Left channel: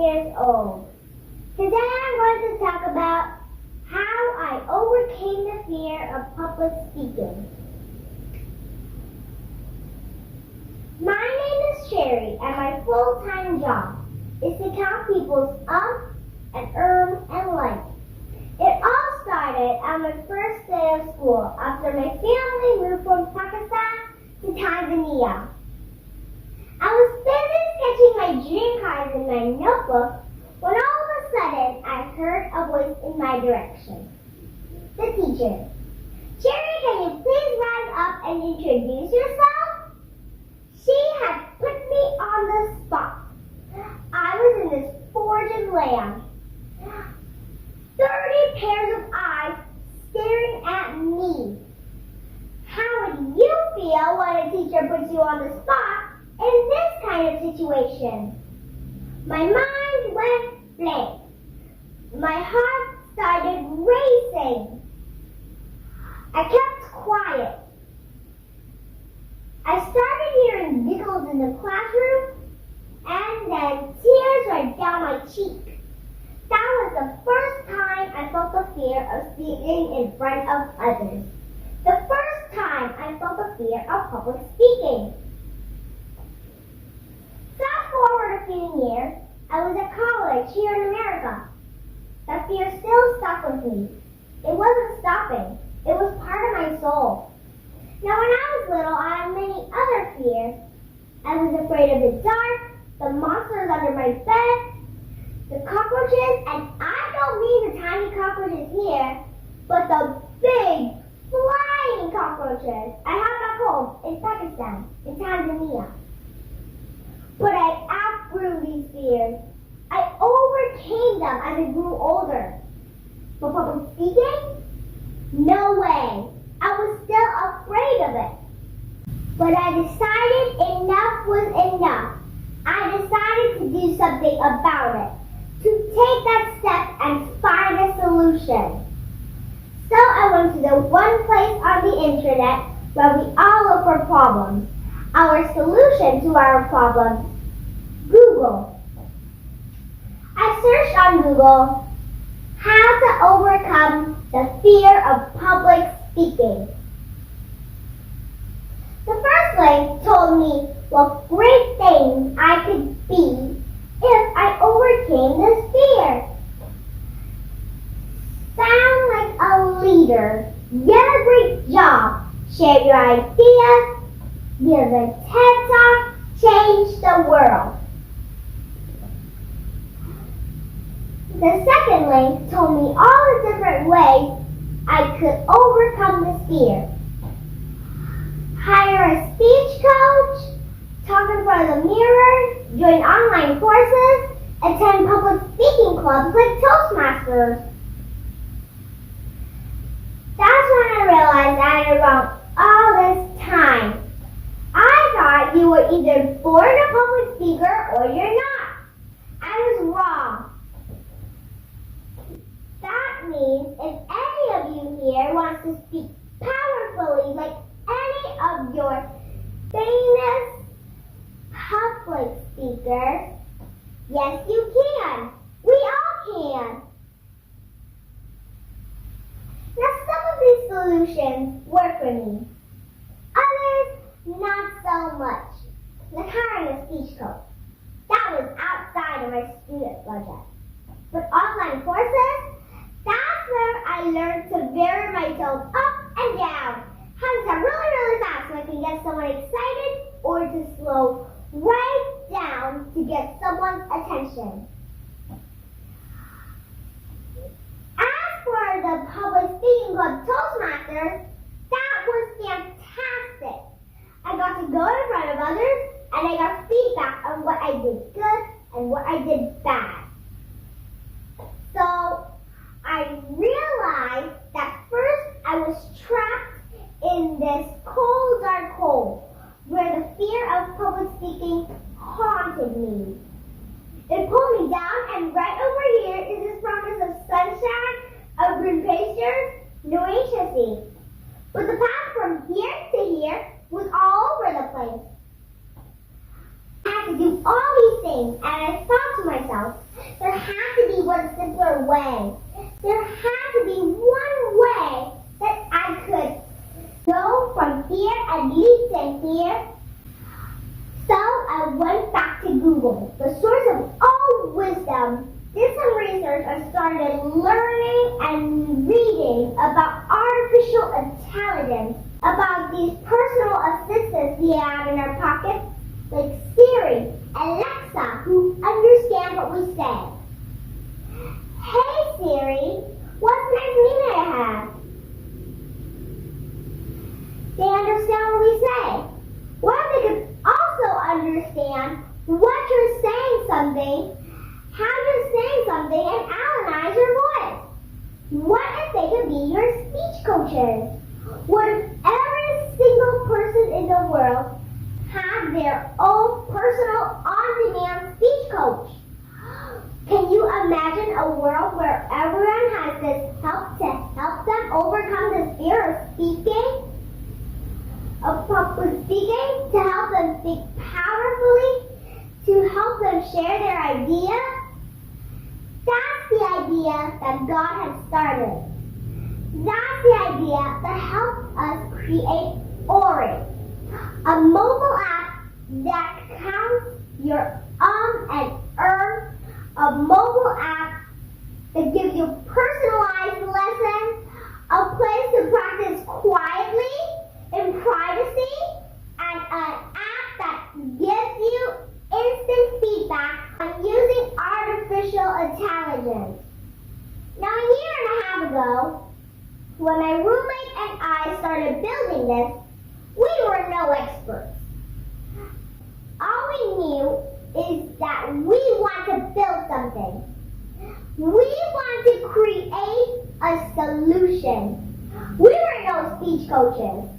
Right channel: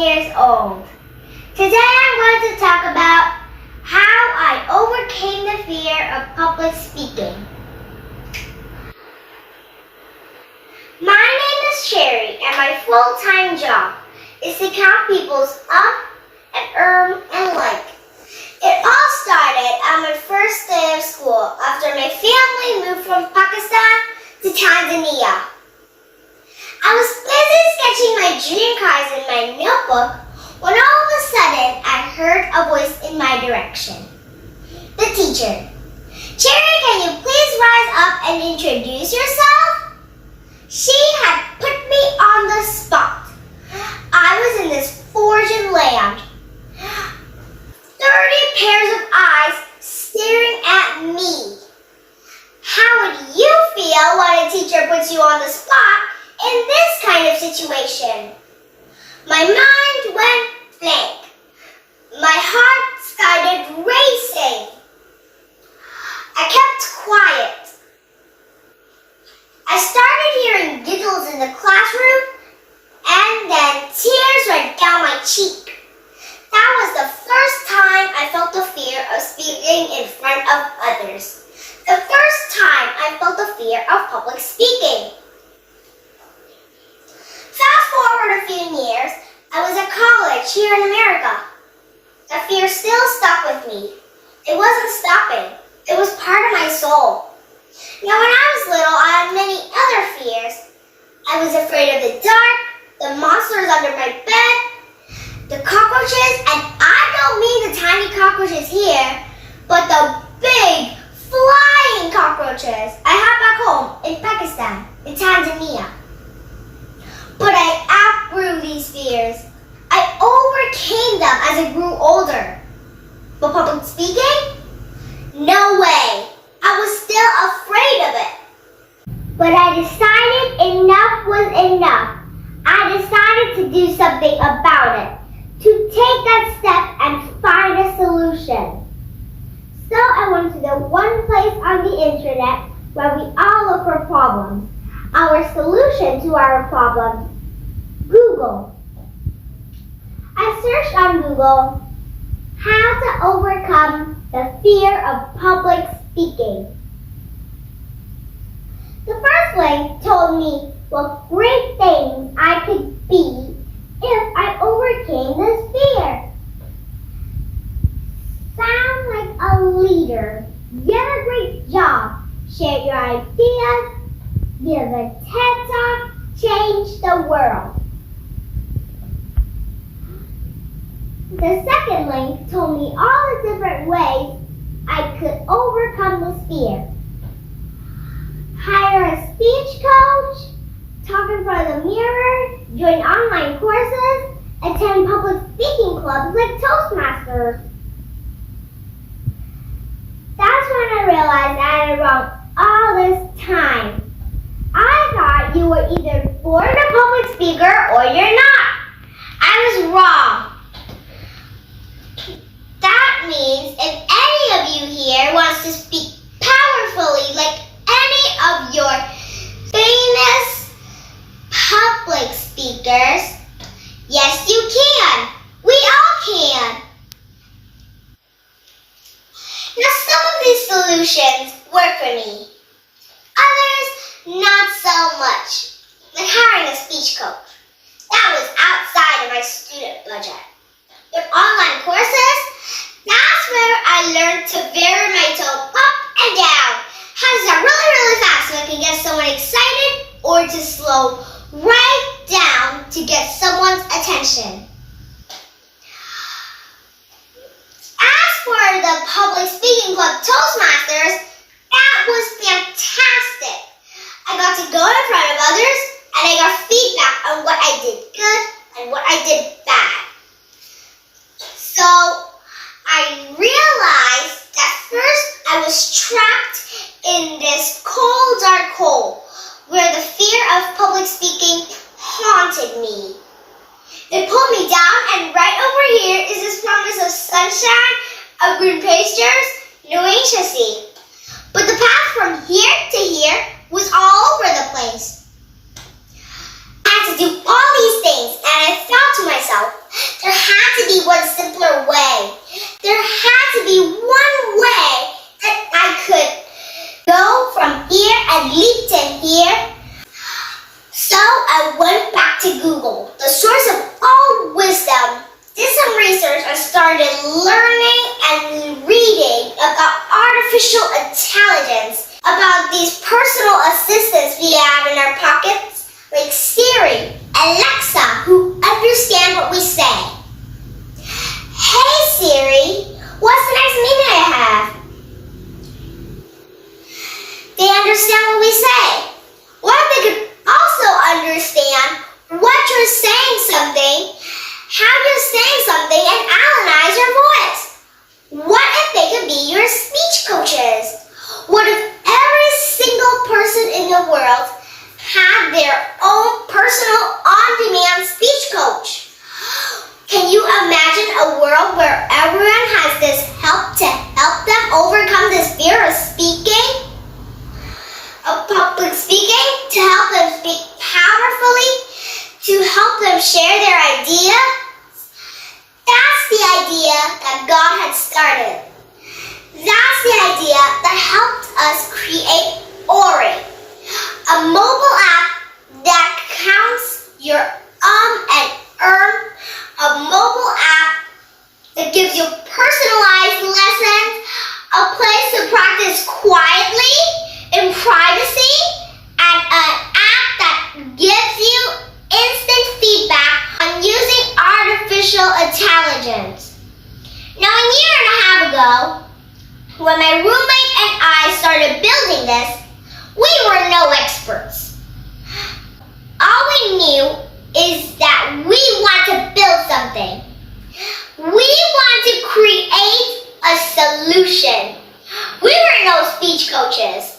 years old. Today I'm going to talk about how I overcame the fear of public speaking. My name is Sherry, and my full-time job is to count people's and like. It all started on my first day of school after my family moved from Pakistan to Tanzania. I was busy sketching my dream cars in my notebook when all of a sudden I heard a voice in my direction. The teacher. "Cherry, can you please rise up and introduce yourself?" She had put me on the spot. I was in this foreign land. 30 pairs of eyes staring at me. How would you feel when a teacher puts you on the spot in this kind of situation? My mind went blank. My heart started racing. I kept quiet. I started hearing giggles in the classroom, and then tears ran down my cheek. That was the first time I felt the fear of speaking in front of others. The first time I felt the fear of public speaking. Fast forward a few years, I was at college here in America. That fear still stuck with me. It wasn't stopping. It was part of my soul. Now, when I was little, I had many other fears. I was afraid of the dark, the monsters under my bed, the cockroaches, and I don't mean the tiny cockroaches here, but the big, flying cockroaches I have back home in Pakistan, in Tanzania. But I outgrew these fears. I overcame them as I grew older. But public speaking? No way. I was still afraid of it. But I decided enough was enough. I decided to do something about it, to take that step and find a solution. So I went to the one place on the internet where we all look for problems. Our solution to our problem, Google. I searched on Google how to overcome the fear of public speaking. The first link told me what great things I could be if I overcame this fear. Sound like a leader. Get a great job. Share your ideas. Give a TED Talk. Change the world. The second link told me all the different ways I could overcome this fear. Hire a speech coach, talk in front of the mirror, join online courses, attend public speaking clubs like Toastmasters. That's when I realized I had it wrong all this time. I thought you were either born a public speaker or you're not. I was wrong. That means if any of you here wants to speak powerfully like any of your famous public speakers, yes you can. We all can. Now some of these solutions work for me. Others, not so much. Like hiring a speech coach. That was outside of my student budget. But online courses, that's where I learned to vary my tone up and down. How to start really, really fast so I can get someone excited, or to slow right down to get someone's attention. As for the public speaking club Toastmasters, that was fantastic. I got to go in front of others, and I got feedback on what I did good and what I did bad. So I realized that first I was trapped in this cold, dark hole where the fear of public speaking haunted me. It pulled me down, and right over here is this promise of sunshine, of green pastures, no anxiety. But the path from here to here was all over the place. I had to do all these things, and I thought to myself, to Google, the source of all wisdom, did some research and started learning and reading about artificial intelligence, about these personal assistants we have in our pockets, like Siri, Alexa, who understand what we say. Hey Siri, what's the next meeting I have? They understand what we say. What if they could also understand what you're saying something, how you're saying something, and analyze your voice? What if they could be your speech coaches? What if every single person in the world had their own personal on-demand speech coach? Can you imagine a world where everyone has this help to help them overcome this fear of speaking? Of public speaking, to help them speak powerfully, to help them share their ideas? That's the idea that God had started. That's the idea that helped us create Ori, a mobile app that counts your and a mobile app that gives you personalized lessons, a place to practice quietly in privacy, and an app that gives you instant feedback on using artificial intelligence. Now, a year and a half ago, when my roommate and I started building this, we were no experts. All we knew is that we want to build something. We want to create a solution. We were no speech coaches.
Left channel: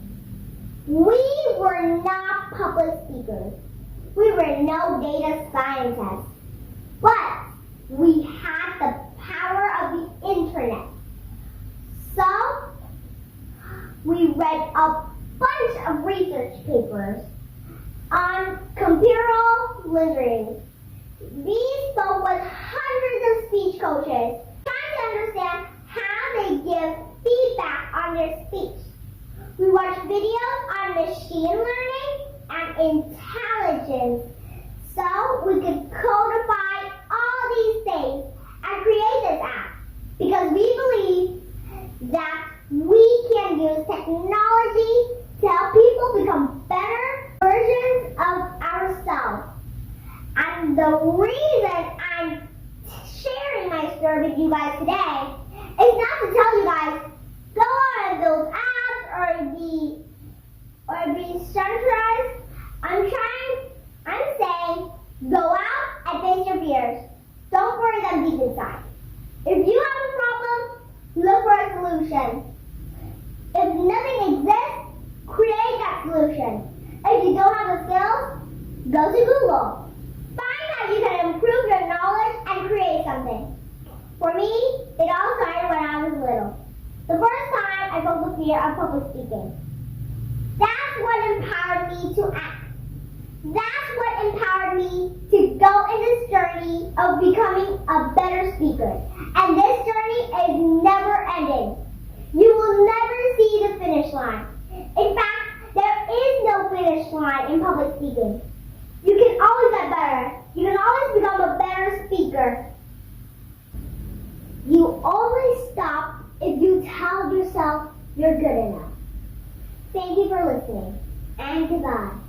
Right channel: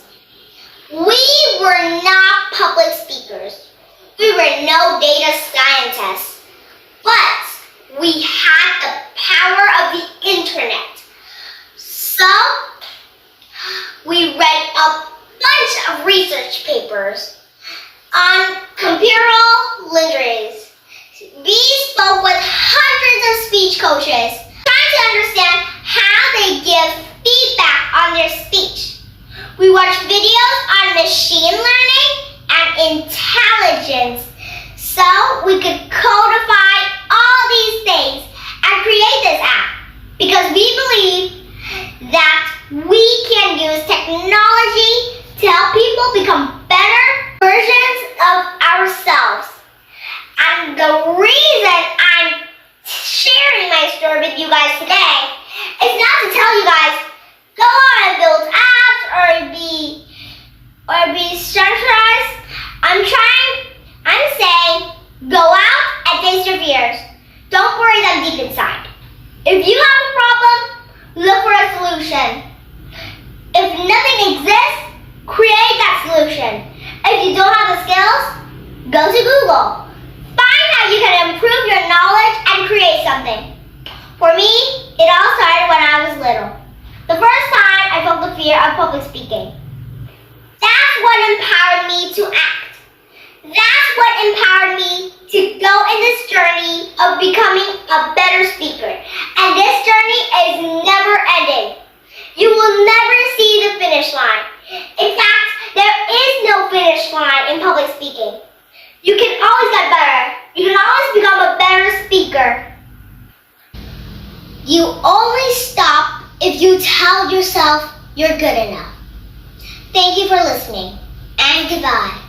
We were not public speakers. We were no data scientists. But we had the power of the internet. So, we read a bunch of research papers on computer literacy. We spoke with hundreds of speech coaches, trying to understand how they give feedback on their speech. We watched videos on machine learning and intelligence so we could codify all these things and create this app, because we believe that we can use technology to help people become better versions of ourselves. And the reason I'm sharing my story with you guys today is not to tell you guys, go on and build apps or be centralized. I'm saying, go out and face your fears. Don't bury them deep inside. If you have a problem, look for a solution. If nothing exists, create that solution. If you don't have the skills, go to Google. Find how you can improve your knowledge and create something. For me, it all started when I was little. The first time I felt the fear of public speaking. That's what empowered me to act. That's what empowered me to go in this journey of becoming a better speaker. And this journey is never ending. You will never see the finish line. In fact, there is no finish line in public speaking. You can always get better. You can always become a better speaker. You only stop if you tell yourself you're good enough. Thank you for listening, and goodbye.